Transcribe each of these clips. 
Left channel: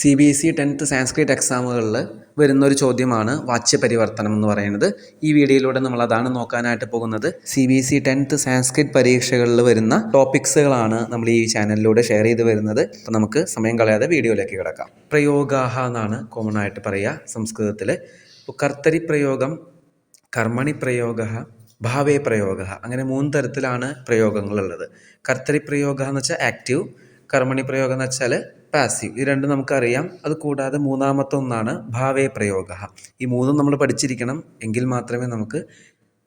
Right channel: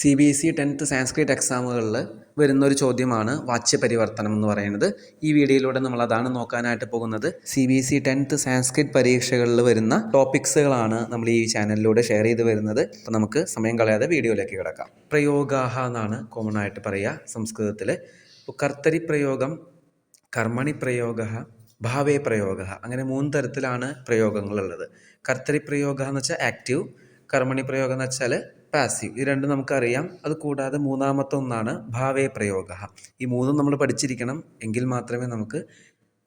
CBSE 10th Sanskrit എക്സാമുകളിൽ വരുന്നൊരു ചോദ്യമാണ് വാച്യപരിവർത്തനം എന്ന് പറയുന്നത്. ഈ വീഡിയോയിലൂടെ നമ്മൾ അതാണ് നോക്കാനായിട്ട് പോകുന്നത്. CBSE 10th സാൻസ്ക്രിറ്റ് പരീക്ഷകളിൽ വരുന്ന ടോപ്പിക്സുകളാണ് നമ്മൾ ഈ ചാനലിലൂടെ ഷെയർ ചെയ്ത് വരുന്നത്. അപ്പോൾ നമുക്ക് സമയം കളയാതെ വീഡിയോയിലേക്ക് കിടക്കാം. പ്രയോഗാഹ എന്നാണ് കോമൺ ആയിട്ട് പറയുക സംസ്കൃതത്തിൽ. ഇപ്പോൾ കർത്തരി പ്രയോഗം, കർമ്മണി പ്രയോഗ, ഭാവേ പ്രയോഗ, അങ്ങനെ 3 തരത്തിലാണ് പ്രയോഗങ്ങളുള്ളത്. കർത്തരി പ്രയോഗ എന്ന് വെച്ചാൽ ആക്റ്റീവ്, കർമ്മണി പ്രയോഗം എന്ന് വെച്ചാൽ പാസീവ്. ഇത് രണ്ടും നമുക്കറിയാം. അത് കൂടാതെ മൂന്നാമത്തെ ഒന്നാണ് ഭാവേ പ്രയോഗ. ഈ മൂന്നും നമ്മൾ പഠിച്ചിരിക്കണം, എങ്കിൽ മാത്രമേ നമുക്ക്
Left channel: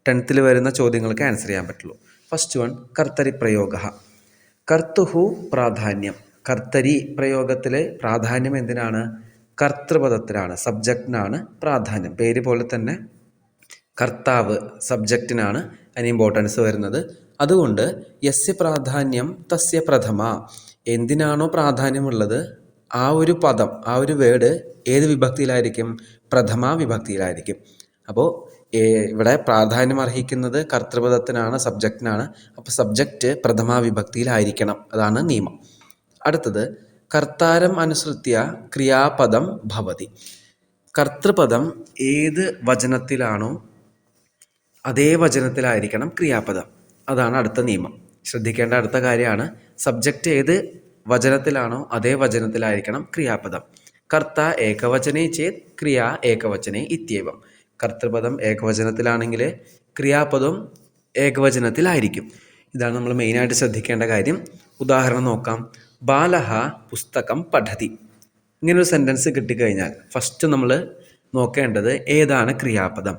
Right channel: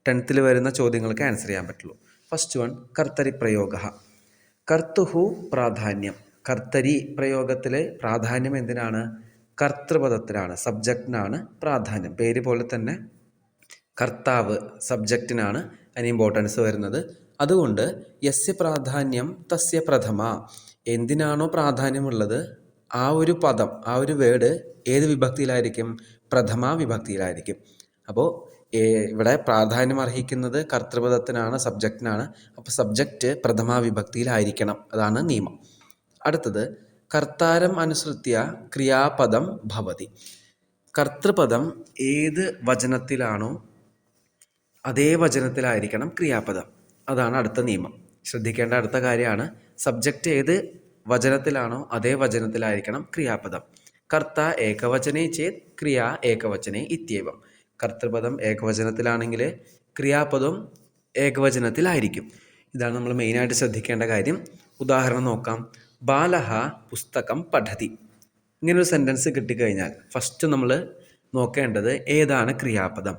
10th വരുന്ന ചോദ്യങ്ങൾക്ക് ആൻസർ ചെയ്യാൻ പറ്റുള്ളൂ. First one, കർത്തരി പ്രയോഗ. കർത്തുഹു പ്രാധാന്യം. കർത്തരി പ്രയോഗത്തിലെ പ്രാധാന്യം എന്തിനാണ്? കർത്തൃപദത്തിലാണ്, സബ്ജക്റ്റിനാണ് പ്രാധാന്യം. പേര് പോലെ തന്നെ കർത്താവ് സബ്ജക്റ്റിനാണ് അതിന് ഇമ്പോർട്ടൻസ് വരുന്നത്. അതുകൊണ്ട് യസ്യ പ്രാധാന്യം തസ്യ പ്രഥമ. എന്തിനാണോ പ്രാധാന്യമുള്ളത് ആ ഒരു പദം, ആ ഒരു വേർഡ് ഏത് വിഭക്തിയിലായിരിക്കും? പ്രഥമ വിഭക്തിയിലായിരിക്കും. അപ്പോൾ ഇവിടെ പ്രാധാന്യം അർഹിക്കുന്നത് കർത്തൃപദത്തിനാണ്, സബ്ജക്റ്റിനാണ്. അപ്പോൾ സബ്ജക്റ്റ് പ്രഥമ വിഭക്തിയിലായിരിക്കണം. അതാണ് നിയമം. അടുത്തത്, കർത്താരം അനുസൃത്യ ക്രിയാപദം ഭവതി. കർത്തൃപദം ഏത് വചനത്തിലാണോ അതേ വചനത്തിലായിരിക്കണം ക്രിയാപദം. അതാണ് അടുത്ത നിയമം. ശ്രദ്ധിക്കേണ്ട അടുത്ത കാര്യമാണ്, സബ്ജക്റ്റ് ഏത് വചനത്തിലാണോ അതേ വചനത്തിലായിരിക്കണം ക്രിയാപദം. കർത്ത ഏകവചനേ ചേത് ക്രിയ ഏകവചനേ ഇത്യവം. കർത്തൃപദം ഏകവചനത്തിലാണെങ്കിൽ ക്രിയാപദം ഏകവചനത്തിലായിരിക്കും. ഇതാണ് നമ്മൾ മെയിനായിട്ട് ശ്രദ്ധിക്കേണ്ട കാര്യം. ഉദാഹരണം നോക്കാം. ബാലഹ പുസ്തകം പഠതി. ഇങ്ങനൊരു സെൻറ്റൻസ് കിട്ടിക്കഴിഞ്ഞാൽ ഫസ്റ്റ് നമ്മൾ നോക്കേണ്ടത് ഏതാണ് ക്രിയാപദം.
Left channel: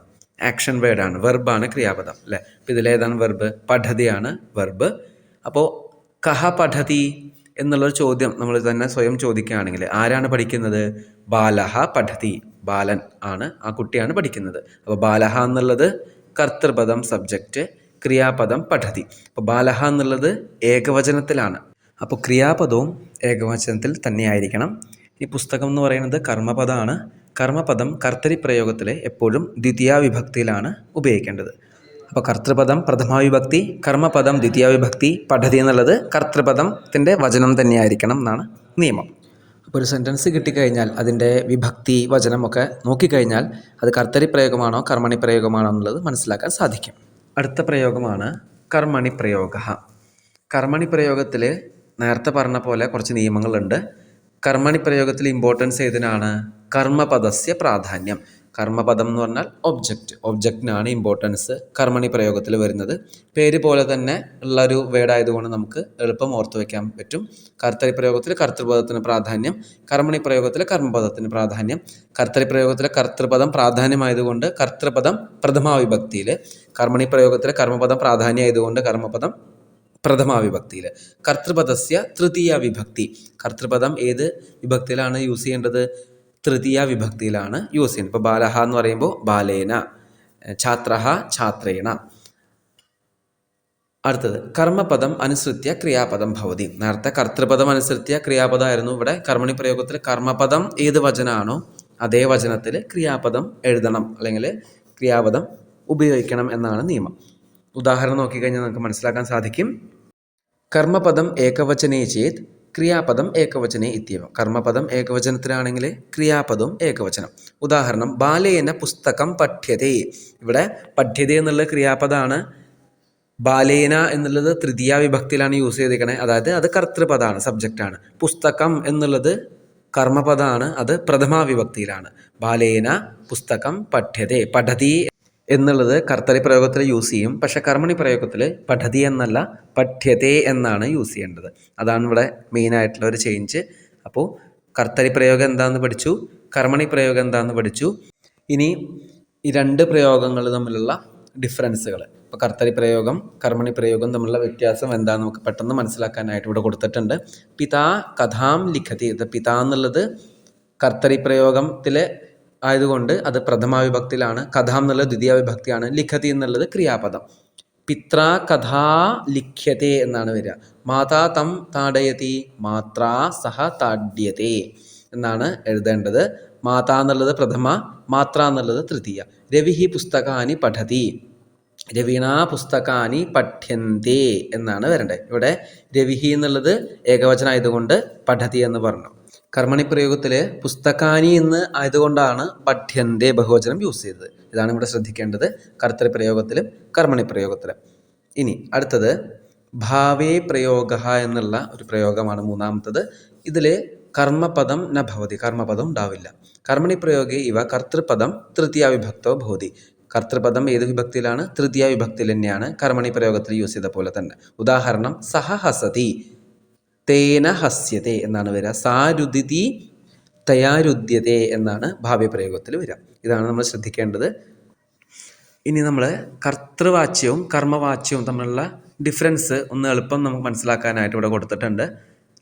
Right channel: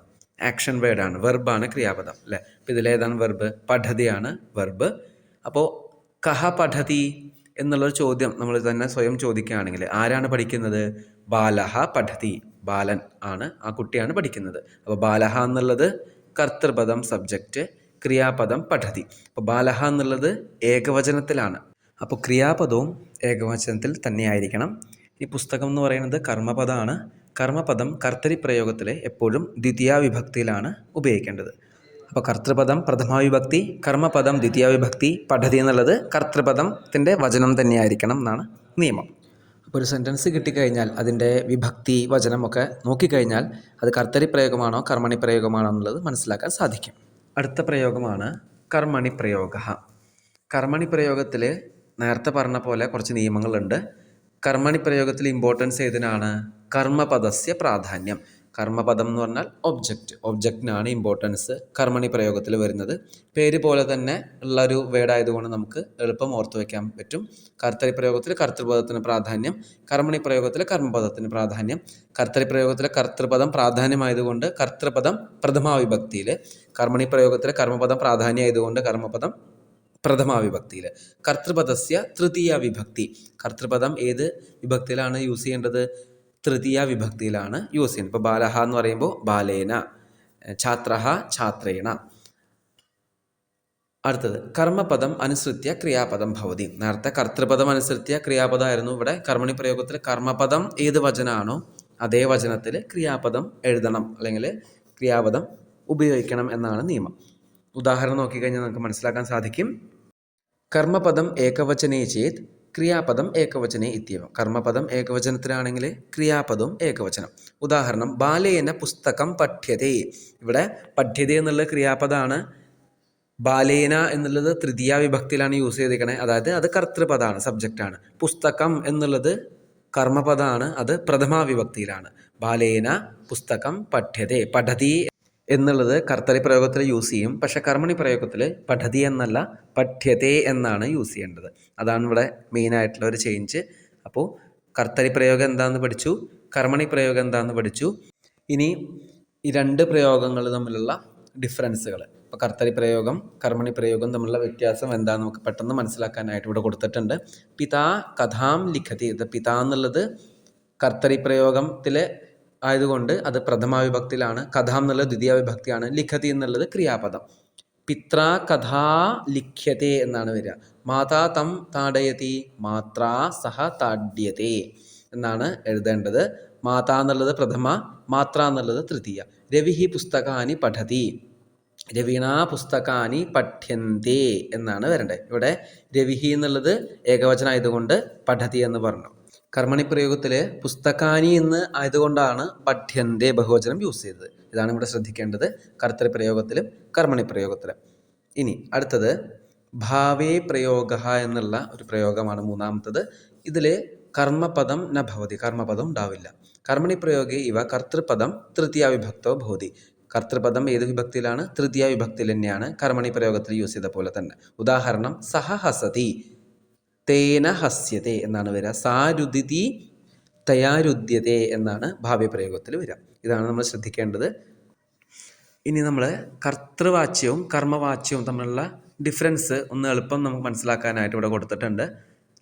ആക്ഷൻ വേർഡാണ്, വെർബാണ് ക്രിയാപദം അല്ലേ. അപ്പോൾ ഇതിലേതാണ് വെർബ്? പഠതിയാണ് വെർബ്. അപ്പോൾ കഹ പഠതി എന്നുള്ളൊരു ചോദ്യം നമ്മൾ തന്നെ സ്വയം ചോദിക്കുകയാണെങ്കിൽ ആരാണ് പഠിക്കുന്നത്? ബാലഹ പഠതി. ബാലൻ ആണ്, ആ കുട്ടിയാണ് പഠിക്കുന്നത്. അപ്പോൾ ബാലഹ എന്നുള്ളത് കർത്തൃപദം സബ്ജക്റ്റ്, ക്രിയാപദം പഠതി. അപ്പോൾ ബാലഹ എന്നുള്ളത് ഏകവചനത്തിലാണ്. അപ്പോൾ ക്രിയാപദവും ഏകവചനത്തിൽ തന്നെയായിരിക്കണം. ഈ പുസ്തകം എന്ന് പറയുന്നത് കർമ്മപദമാണ്. കർമ്മപദം കർത്തരി പ്രയോഗത്തിൽ എപ്പോഴും ദ്വിതീയ വിഭക്തിയിലാണ് ഉപയോഗിക്കേണ്ടത്. അപ്പോൾ കർത്തൃപദം പ്രഥമ വിഭക്തി, കർമ്മപദം ദ്വിതീയ വിഭക്തി, പഠതി എന്നുള്ളത് കർത്തൃപദത്തിൻ്റെ വചനം തന്നെയായിരിക്കണം എന്നാണ് നിയമം. അപ്പോൾ ഒരു സെൻറ്റൻസ് കിട്ടിക്കഴിഞ്ഞാൽ അതിൻ്റെ വിഭക്തി വചനമൊക്കെ നോക്കിക്കഴിഞ്ഞാൽ അത് കർത്തരി പ്രയോഗമാണോ കർമ്മണി പ്രയോഗമാണോ എന്നുള്ളത് മനസ്സിലാക്കാൻ സാധിക്കും. അടുത്ത പ്രയോഗമാണ് കർമ്മണി പ്രയോഗ. കർമ്മണി പ്രയോഗത്തിൽ നേരത്തെ പറഞ്ഞ പോലെ കുറച്ച് നിയമങ്ങളുണ്ട്. കർമ്മണി പ്രയോഗത്തിൽ ഇമ്പോർട്ടൻസ് ഏതിനാണ്? കർമ്മപദസ്യ പ്രാധാന്യം. കർമ്മപദം എന്ന് പറഞ്ഞാൽ ഒബ്ജക്റ്റിനാണ് ഇമ്പോർട്ടൻസ് കർമ്മണി പ്രയോഗത്തിൽ വരുന്നത്. പേര് പോലെ തന്നെ ഉള്ളൊരു വേർഡ് ആയതുകൊണ്ട് നമുക്ക് എളുപ്പം ഓർത്തു വയ്ക്കാൻ പറ്റും. കർത്തരി പ്രയോഗത്തിൽ കർത്തൃപദത്തിന് പ്രാധാന്യം, കർമ്മണി പ്രയോഗത്തിൽ കർമ്മപദത്തിന് പ്രാധാന്യം. കർത്തരി പ്രയോഗത്തിലെ കർത്തൃപദം പ്രാധാന്യമായതുകൊണ്ട് കർത്തൃപദം പ്രഥമ വിഭക്തിയിൽ, കർമ്മണി പ്രയോഗത്തിലെ കർമ്മപദം പ്രാധാന്യമായതുകൊണ്ട് കർമ്മപദം പ്രഥമ വിഭക്തിയിൽ. കർത്തൃപദസ്യ തൃതീയ വിഭക്തി. കർത്തൃപദം ഏത് വിഭക്തിയിലാണ് യൂസ് ചെയ്യേണ്ടത്? തൃതീയ വിഭക്തിയിലാണ് യൂസ് ചെയ്യുന്നത്. ഇപ്പോൾ ബാലഹ എന്ന് പറയുമ്പോൾ ബാലേന, ഛാത്രഹ ഛാത്രേണ. അടുത്തത്, കർമ്മപദം അനുസൃത്യ ക്രിയാപദം ഭവതി. നേരത്തെ കർത്തൃപദം അനുസൃത്യ ക്രിയാപദമായിരുന്നു. ഇവിടെ കർമ്മണി പ്രയോഗത്തിൽ കർമ്മപദം ഏത് വചനമാണോ അതേ വചനത്തിൽ ക്രിയാപദം എഴുതണം, അല്ലെങ്കിൽ ക്രിയാപദം ഉപയോഗിക്കണം എന്നാണ് നിയമം. ഉദാഹരണം നോക്കിക്കഴിഞ്ഞാൽ നമുക്ക് മനസ്സിലാക്കാൻ സാധിക്കും. കർമ്മപദം ഏകവചനേ ചേത് ക്രിയാപദം ഏകവചനേ ഇത്യവം. കർമ്മപദം ഏകവചനത്തിലാണെങ്കിൽ ക്രിയാപദം ഏകവചനം. ഉദാഹരണം, ബാലേന പുസ്തകം പഠ്യതേ. ഇവിടെ പഠ്യതേ എന്നുള്ള ക്രിയാപദമാണ്. ബാലേന എന്നുള്ളത് തൃതീയ വിഭക്തിയിലാണ് യൂസ് ചെയ്തിരിക്കണേ, അതായത് അത് കർത്തൃപദമാണ്, സബ്ജക്റ്റാണ്. പുസ്തകം എന്നുള്ളത് കർമ്മപദമാണ്, അത് പ്രഥമ വിഭക്തിയിലാണ്. ബാലേന പുസ്തകം പഠ്യതേ. പഠതി എന്നുള്ളത് കർത്തരി പ്രയോഗത്തിൽ യൂസ് ചെയ്യും, പക്ഷെ കർമ്മണി പ്രയോഗത്തിൽ പഠതി എന്നല്ല പഠ്യതേ എന്നാണ് യൂസ് ചെയ്യേണ്ടത്. അതാണ് ഇവിടെ മെയിനായിട്ടുള്ള ഒരു ചേഞ്ച്. അപ്പോൾ കർത്തരി പ്രയോഗം എന്താണെന്ന് പഠിച്ചു, കർമ്മണി പ്രയോഗം എന്താണെന്ന് പഠിച്ചു. ഇനി ഈ രണ്ട് പ്രയോഗങ്ങൾ തമ്മിലുള്ള ഡിഫറൻസുകൾ, ഇപ്പോൾ കർത്തരി പ്രയോഗം കർമ്മണി പ്രയോഗം തമ്മിലുള്ള വ്യത്യാസം എന്താണെന്ന് നമുക്ക് പെട്ടെന്ന് മനസ്സിലാക്കാനായിട്ട് ഇവിടെ കൊടുത്തിട്ടുണ്ട്. പിതാ കഥാം ലിഖതി. പിതാ എന്നുള്ളത് കർത്തരി പ്രയോഗത്തിലെ ആയതുകൊണ്ട് അത് പ്രഥമ വിഭക്തിയിലാണ്. കഥാം എന്നുള്ളത് ദ്വിതീയ വിഭക്തിയാണ്. ലിഖതി എന്നുള്ളത് ക്രിയാപദം. പിത്രാ കഥാ ലിഖ്യത്തെ എന്നാണ് വരിക. മാതാ തം താടയതി, മാത്രാ സഹ താഡ്യത്തെ എന്നാണ് എഴുതേണ്ടത്. മാതാ എന്നുള്ളത് പ്രഥമ, മാത്ര എന്നുള്ളത് തൃതീയ. രവിഹി പുസ്തകാനി പഠതി, രവീണ പുസ്തകാനി പഠ്യന്തേ എന്നാണ് വരേണ്ടത്. ഇവിടെ രവിഹി എന്നുള്ളത് ഏകവചനം ആയതുകൊണ്ട് പഠതി എന്ന് പറഞ്ഞു. കർമ്മണി പ്രയോഗത്തിൽ പുസ്തകാനി എന്ന് ആയതുകൊണ്ടാണ് പഠ്യന്തേ ബഹുവചനം യൂസ് ചെയ്തത്. ഇതാണ് ഇവിടെ ശ്രദ്ധിക്കേണ്ടത് കർത്തൃപ്രയോഗത്തിലും കർമ്മണി പ്രയോഗത്തിലും. ഇനി അടുത്തത് ഭാവേ പ്രയോഗ എന്നുള്ള ഒരു പ്രയോഗമാണ് മൂന്നാമത്തത്. ഇതിൽ കർമ്മപദം ന ഭവതി, കർമ്മപദം ഉണ്ടാവില്ല. കർമ്മണി പ്രയോഗേ ഇവ കർത്തൃപദം തൃതീയ വിഭക്തോ ഭവതി. കർത്തൃപദം ഏത് വിഭക്തിയിലാണ്? തൃതീയ വിഭക്തിയിൽ തന്നെയാണ് കർമ്മണി പ്രയോഗത്തിൽ യൂസ് ചെയ്ത പോലെ തന്നെ. ഉദാഹരണം സഹ ഹസതി, തേന ഹസ്യത്തെ എന്നാണ് വരിക. സാരുദിതി തയാരുദ്യത്തെ എന്നാണ് ഭാവ്യ പ്രയോഗത്തിൽ വരിക. ഇതാണ് നമ്മൾ ശ്രദ്ധിക്കേണ്ടത്. ഇനി നമ്മൾ കർത്തൃവാച്യവും കർമ്മവാച്യവും തമ്മിലുള്ള ഡിഫറൻസ് ഒന്ന് എളുപ്പം നമുക്ക് മനസ്സിലാക്കാനായിട്ട് ഇവിടെ കൊടുത്തിട്ടുണ്ട്.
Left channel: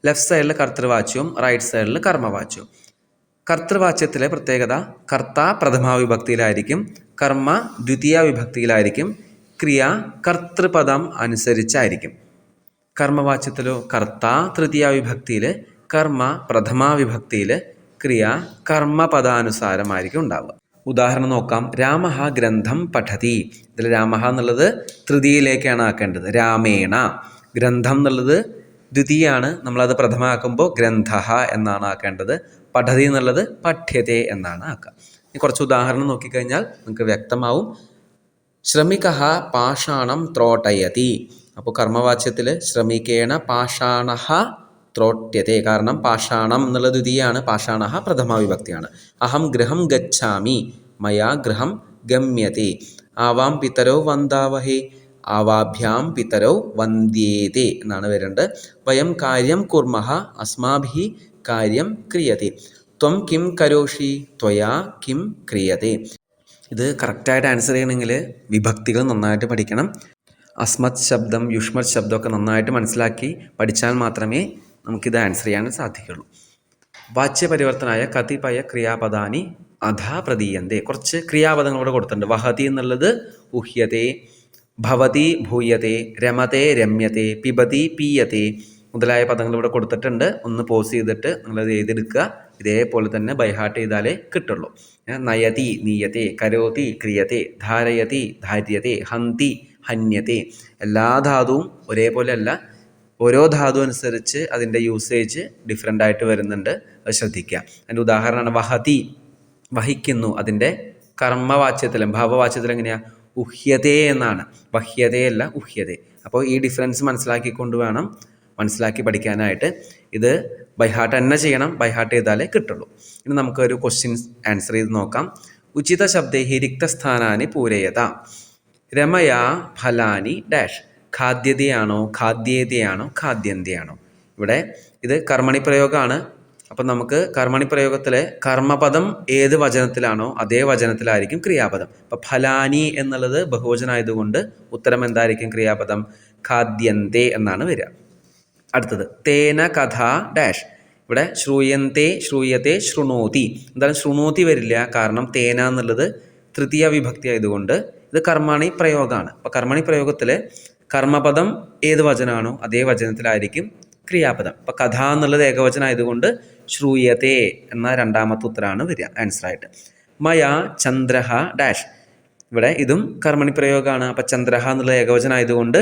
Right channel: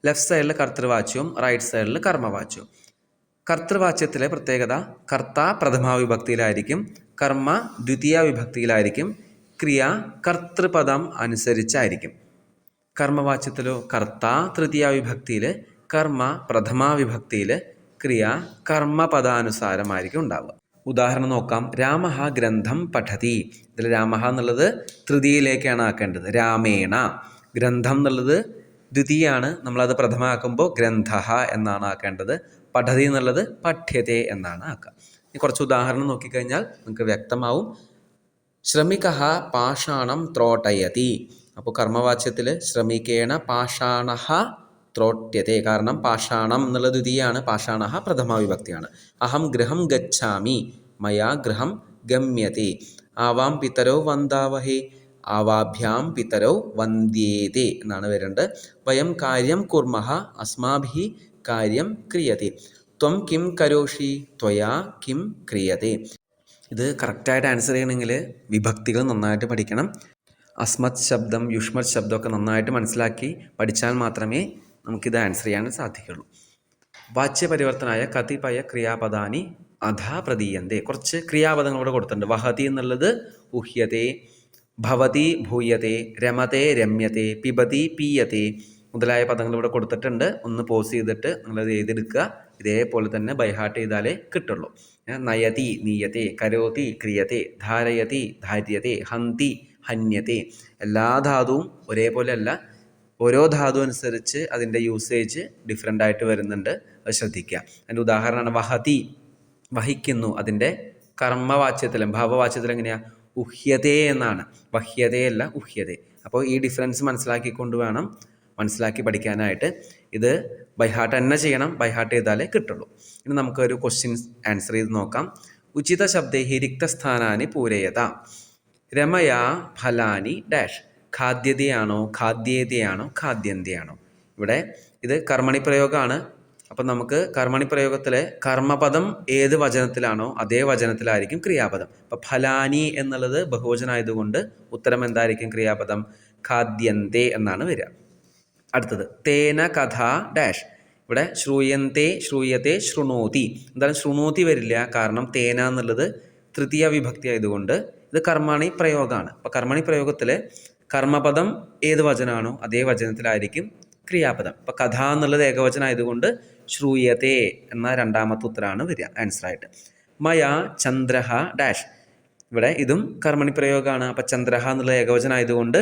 ലെഫ്റ്റ് സൈഡിൽ കർത്തൃവാച്യവും റൈറ്റ് സൈഡിൽ കർമ്മവാച്യവും. കർത്തൃവാച്യത്തിലെ പ്രത്യേകത കർത്ത പ്രഥമാ വിഭക്തിയിലായിരിക്കും, കർമ്മ ദ്വിതീയ വിഭക്തിയിലായിരിക്കും, ക്രിയ കർത്തൃപദം അനുസരിച്ചായിരിക്കും. കർമ്മവാച്യത്തിലോ കർത്ത തൃതീയ വിഭക്തിയിൽ, കർമ്മ പ്രഥമാ വിഭക്തിയിൽ, ക്രിയ കർമ്മപദാനുസാരമായിരിക്കും ഉണ്ടാവുക. ഉദാഹരണം നോക്കാം. രാമഃ ഗ്രന്ഥം പഠതി. ഇതിൽ രാമഃ എന്നുള്ളത് തൃതീയയിലേക്കാണ് ആക്കേണ്ടത്, രാമേണ. ഗ്രന്ഥം എന്നുള്ളത് ദ്വിതീയാണ്, നമ്മളത് പ്രഥമാക്കുമ്പോൾ ഗ്രന്ഥഃ എന്നാണ് ആക്കേണ്ടത്. പഠതി എന്നുള്ളത് പഠ്യത്തെ എന്നാണ് ആക്കുക. ഇനി കുറച്ച് ഉദാഹരണം നോക്കിക്കഴിഞ്ഞാൽ നിങ്ങൾക്ക് വ്യക്തമാവും. ശ്രമികഃ പാഷാണം ത്രോട്ടയതി. അപ്പോൾ കർമ്മവാച്യത്തിൽ ശ്രമിക്കേണ പാഷാണഃ ത്രോട്യത്തെ. കാരണം പാഷാണം എന്നുള്ള ദ്വിതീയാണ്, പാഷാണഃ പ്രഥമാ വിഭക്തിയാണ്. അഹം ഗൃഹം ഗച്ഛാമി, മയാ ഗൃഹം ഗമ്യത്തെ. ആവാം പിതരോ വന്ദാവഹേ, ആവാഭ്യാം പിതരോ വന്ദ്യേതേ എന്നാണ് വരേണ്ടത്. വയം കാര്യം കുർമഃ, അസ്മാഭിः കാര്യം ക്രിയത്തെ. ത്വം കിം കരോഷി, ത്വയാ കിം ക്രിയത്തെ. ഇത് കറക്റ്റായിട്ട് ആൻസർ ചെയ്യണമെങ്കിൽ വിഭക്തികൾ നന്നായിട്ട് പഠിക്കണം. അസ്മത് ശബ്ദം, യുഷ്മത് ശബ്ദമൊക്കെ നന്നായിട്ട് മനസ്സിലാക്കി പഠിച്ചാൽ മാത്രമേ നമുക്കിത് ആൻസർ ചെയ്യാൻ സാധിക്കുള്ളൂ. വാച്യപരിവർത്തനായ കതിപയ ക്രിയാപദാനി അധാ പ്രതീയന്തേ. കുറച്ച് ക്രിയാപദങ്ങളോട് കൊടുത്തിട്ടുണ്ട്. വഹതി എന്നുള്ളത് ഉഹ്യത്തെ, ഭവതി ഭൂയത്തെ, രമത്തെ രമ്യത്തെ, പിബതി പീയത്തെ മുതലായ പദങ്ങൾ ഇവിടെ കൊടുത്തിട്ടുണ്ട്. ഒന്ന് പോസ് ചെയ്തിട്ട് നിങ്ങളത് എഴുതിയെടുക്കുക. ഇതേപോലെ തന്നെ ബൈഹാർട്ട് ചെയ്താലേ കിട്ടുള്ളൂ. നയതി നീയത്തെ, കരോതി ക്രിയത്തെ, ധാരയതി ധാര്യത്തെ, ഹന്തി ഹന്യത്തെ. എല്ലാ ധാതുവും ഒരേപോലെ അല്ല, ഓരോ ധാതു അനുസരിച്ച് അതിൻ്റെ യൂസേജ് ഡിഫറെൻ്റ് ആയിട്ട് വരുന്നുണ്ട്. അത് ശ്രദ്ധിക്കുക. അതിൻ്റെ ഉദാഹരണമാണ് വഹതി, വഹിക്കുന്നു. അതിൻ്റെ കർമ്മവാച്യത്തിലും ഭാവവാച്യത്തിലും എങ്ങനെയാണ്? ഉഹ്യതേ എന്നാണ്, വഹ്യതയല്ല ഉഹ്യതേ. അപ്പോൾ ഈ ഡിഫറൻസ് മനസ്സിലാക്കിക്കൊണ്ട് വേണം മനസ്സിലാക്കി പഠിക്കാനായിട്ട്. ഇത് ബൈഹാർട്ട് തന്നെ ചെയ്യണം, ബൈഹാർട്ട് ചെയ്താലേ കിട്ടുള്ളൂ. ഇനി നമുക്കൊരു ക്വസ്റ്റ്യൻസ് ആൻസർ ചെയ്ത് നോക്കാം. ഉചിത ശബ്ദൈഹി റിക്തസ്ഥാനാനി പൂരയത. രമയാ ഫലാനി ഡാഷ്. ഖാദ്യതയാണോ, ഖാദ്യേതയാണോ, ഖാദ്യന്തിയാണോ? ഇവിടെ ഇത് കർമ്മണി പ്രയോഗമാണ്. അപ്പം നമുക്ക് കർമ്മണി പ്രയോഗത്തിലെ കർമ്മപദം ഏത് വചനത്തിലാണോ അതേ വചനത്തിലായിരിക്കും ക്രിയാപദം. അപ്പം ഫലാനി എന്നുള്ളത് ബഹുവചനായതുകൊണ്ട് ഉത്തരം എന്തായിരിക്കും? ക്രിയാപദം ഖാദ്യന്തേ എന്നാണ് വരിക. അടുത്തത് തേന കഥ ഡാഷ്. ഇവിടെ ശ്രൂയന്തേ, ശ്രൂയത്തെ, ശൃണോതി. എന്തായാലും ശൃണോതി വരില്ല, കാരണം തേന എന്നുള്ളത് തൃതീയ വിഭക്തി ആയതുകൊണ്ട് ഇത് കർമ്മണി പ്രയോഗമാണ്. അപ്പോൾ കർമ്മണി പ്രയോഗത്തിൽ കർമ്മപദം ഏത് വചനമാണോ അതേ വചനത്തിലായിരിക്കും ക്രിയാപദം. അപ്പോൾ കഥ എന്നുള്ളത് ഏകവചനമായതുകൊണ്ട് ശ്രൂയത്തെ എന്ന രണ്ടാമത്തെ ഉത്തരമാണ് വരിക ആൻസറായിട്ട്. മയാ ചന്ദ്രഹ ഡാഷ്. ഇവിടെ ഇതും കർമ്മണി പ്രയോഗമാണ്. അപ്പം ചന്ദ്രഹ എന്നുള്ള ഏകവചനമായതുകൊണ്ട്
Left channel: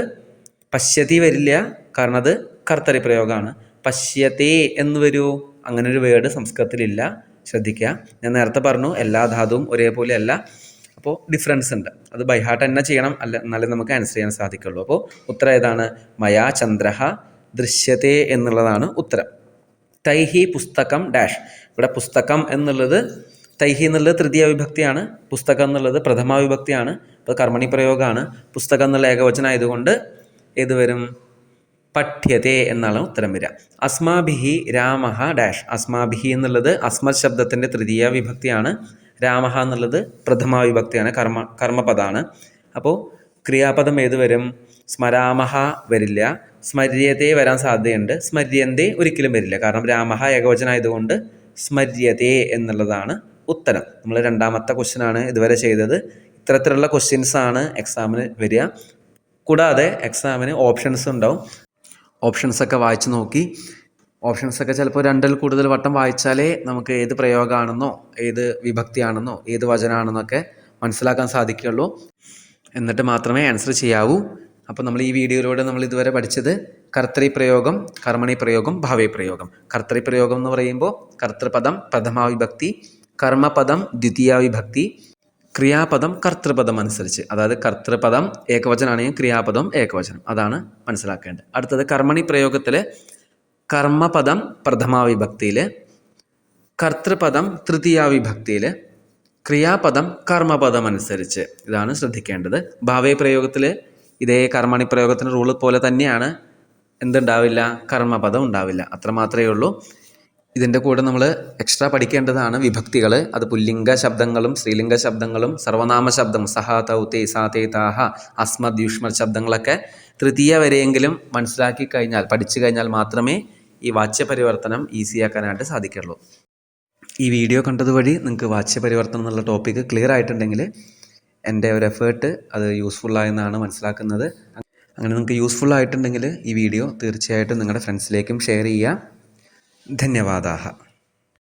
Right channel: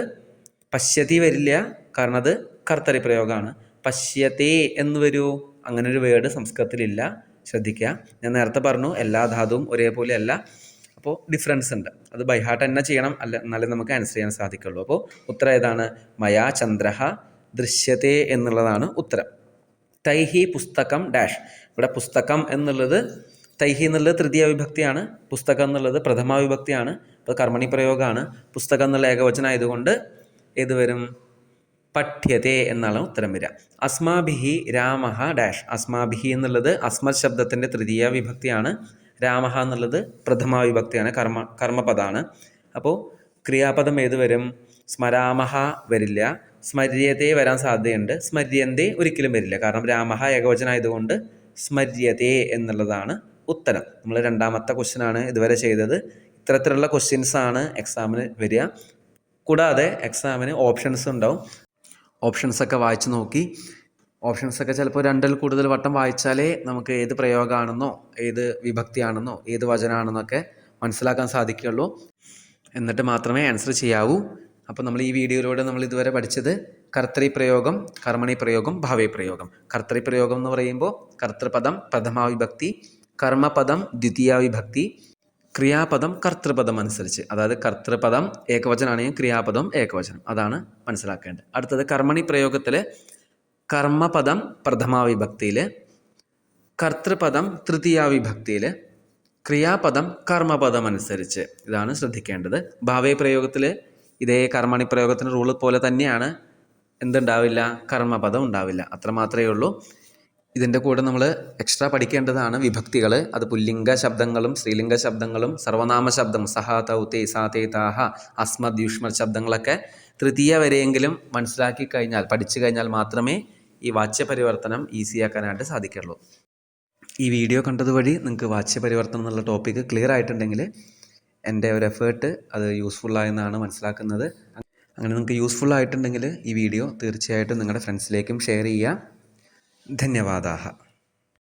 പശ്യതി വരില്ല, കാരണം അത് കർത്തരി പ്രയോഗമാണ്. പശ്യത്തെ എന്ന് വരുമോ? അങ്ങനൊരു വേർഡ് സംസ്കൃതത്തിലില്ല, ശ്രദ്ധിക്കുക. ഞാൻ നേരത്തെ പറഞ്ഞു എല്ലാ ധാതുവും ഒരേപോലെ അല്ല, അപ്പോൾ ഡിഫറൻസ് ഉണ്ട്. അത് ബൈഹാർട്ട് തന്നെ ചെയ്യണം, അല്ല എന്നാലേ നമുക്ക് ആൻസർ ചെയ്യാൻ സാധിക്കുള്ളൂ. അപ്പോൾ ഉത്തരം ഏതാണ്? മയാ ചന്ദ്രഹ ദൃശ്യത്തെ എന്നുള്ളതാണ് ഉത്തരം. തൈഹി പുസ്തകം ഡാഷ്. ഇവിടെ പുസ്തകം എന്നുള്ളത് തൈഹി എന്നുള്ളത് തൃതീയ വിഭക്തിയാണ്, പുസ്തകം എന്നുള്ളത് പ്രഥമാ വിഭക്തിയാണ്. അപ്പോൾ കർമ്മണി പ്രയോഗമാണ്. പുസ്തകം എന്നുള്ള ഏകവചനമായതുകൊണ്ട് ഏത് വരും? പഠ്യത്തെ എന്നാണ് ഉത്തരം വരിക. അസ്മാഭിഹി രാമഹ ഡാഷ്. അസ്മാഭിഹി എന്നുള്ളത് അസ്മത് ശബ്ദത്തിൻ്റെ തൃതീയ വിഭക്തിയാണ്. രാമഹ എന്നുള്ളത് പ്രഥമാ വിഭക്തിയാണ്, കർമ്മപദമാണ്. അപ്പോൾ ക്രിയാപദം ഏത് വരും? സ്മരാമഹ വരില്ല, സ്മര്യത്തെ വരാൻ സാധ്യതയുണ്ട്, സ്മര്യന്തേ ഒരിക്കലും വരില്ല, കാരണം രാമഹ ഏകവചനമായതുകൊണ്ട് സ്മര്യത്തെ എന്നുള്ളതാണ് ഉത്തരം. നമ്മൾ രണ്ടാമത്തെ ക്വസ്റ്റ്യനാണ് ഇതുവരെ ചെയ്തത്. ഇത്തരത്തിലുള്ള ക്വസ്റ്റ്യൻസാണ് എക്സാമിന് വരിക. കൂടാതെ എക്സാമിന് ഓപ്ഷൻസ് ഉണ്ടാവും. ഓപ്ഷൻസൊക്കെ വായിച്ച് നോക്കി, ഓപ്ഷൻസൊക്കെ ചിലപ്പോൾ രണ്ടിൽ കൂടുതൽ വട്ടം വായിച്ചാലേ നമുക്ക് ഏത് പ്രയോഗമാണെന്നോ ഏത് വിഭക്തിയാണെന്നോ ഏത് വചനമാണെന്നൊക്കെ മനസ്സിലാക്കാൻ സാധിക്കുകയുള്ളൂ. എന്നിട്ട് മാത്രമേ ആൻസർ ചെയ്യാവൂ. അപ്പോൾ നമ്മൾ ഈ വീഡിയോയിലൂടെ നമ്മൾ ഇതുവരെ പഠിച്ചത് കർത്തൃപ്രയോഗം, കർമ്മണി പ്രയോഗം, ഭാവേ പ്രയോഗം. കർത്തൃപ്രയോഗം എന്ന് പറയുമ്പോൾ കർത്തൃപദം പ്രഥമാവിഭക്തി, കർമ്മപദം ദ്വിതീയാവിഭക്തി, ക്രിയാപദം കർത്തൃപദം അനുസരിച്ച്. അതായത് കർത്തൃപദം ഏകവചനാണെങ്കിൽ ക്രിയാപദം ഏകവചനം. അതാണ് മനസ്സിലാക്കേണ്ടത്. അടുത്തത് കർമ്മണി പ്രയോഗത്തിൽ കർമ്മപദം പ്രഥമാവിഭക്തിയിൽ, കർത്തൃപദം തൃതീയാവിഭക്തിയിൽ, ക്രിയാപദം കർമ്മപദം അനുസരിച്ച്. ഇതാണ് ശ്രദ്ധിക്കേണ്ടത്. ഭാവേ പ്രയോഗത്തിൽ ഇതേ കർമ്മണി പ്രയോഗത്തിൻ്റെ റൂൾ പോലെ തന്നെയാണ്. എന്തുണ്ടാവില്ല? കർമ്മപദം ഉണ്ടാവില്ല. അത്ര മാത്രമേ ഉള്ളൂ. ഇതിൻ്റെ കൂടെ നമ്മൾ എക്സ്ട്രാ പഠിക്കേണ്ടതാണ് വിഭക്തികൾ. അത് പുല്ലിംഗ ശബ്ദങ്ങളും സ്ത്രീലിംഗ ശബ്ദങ്ങളും സർവനാമ ശബ്ദം സഹ, തൗ, തേ, സാ, തേ, താഹ, അസ്മദ്, യുഷ്മത് ശബ്ദങ്ങളൊക്കെ തൃതീയ വരെയെങ്കിലും മനസ്സിലാക്കി കഴിഞ്ഞാൽ, പഠിച്ചു കഴിഞ്ഞാൽ മാത്രമേ ഈ വാച്യപരിവർത്തനം ഈസിയാക്കാനായിട്ട് സാധിക്കുള്ളൂ. ഈ വീഡിയോ കണ്ടതുവഴി നിങ്ങൾക്ക് വാച്യപരിവർത്തനം എന്നുള്ള ടോപ്പിക്ക് ക്ലിയർ ആയിട്ടുണ്ടെങ്കിൽ എൻ്റെ ഒരു എഫേർട്ട് അത് യൂസ്ഫുള്ളായെന്നാണ് മനസ്സിലാക്കുന്നത്. അങ്ങനെ നിങ്ങൾക്ക് യൂസ്ഫുൾ ആയിട്ടുണ്ടെങ്കിൽ ഈ വീഡിയോ തീർച്ചയായിട്ടും നിങ്ങളുടെ ഫ്രണ്ട്സിലേക്കും ഷെയർ ചെയ്യുക. ധന്യവാദാഹ.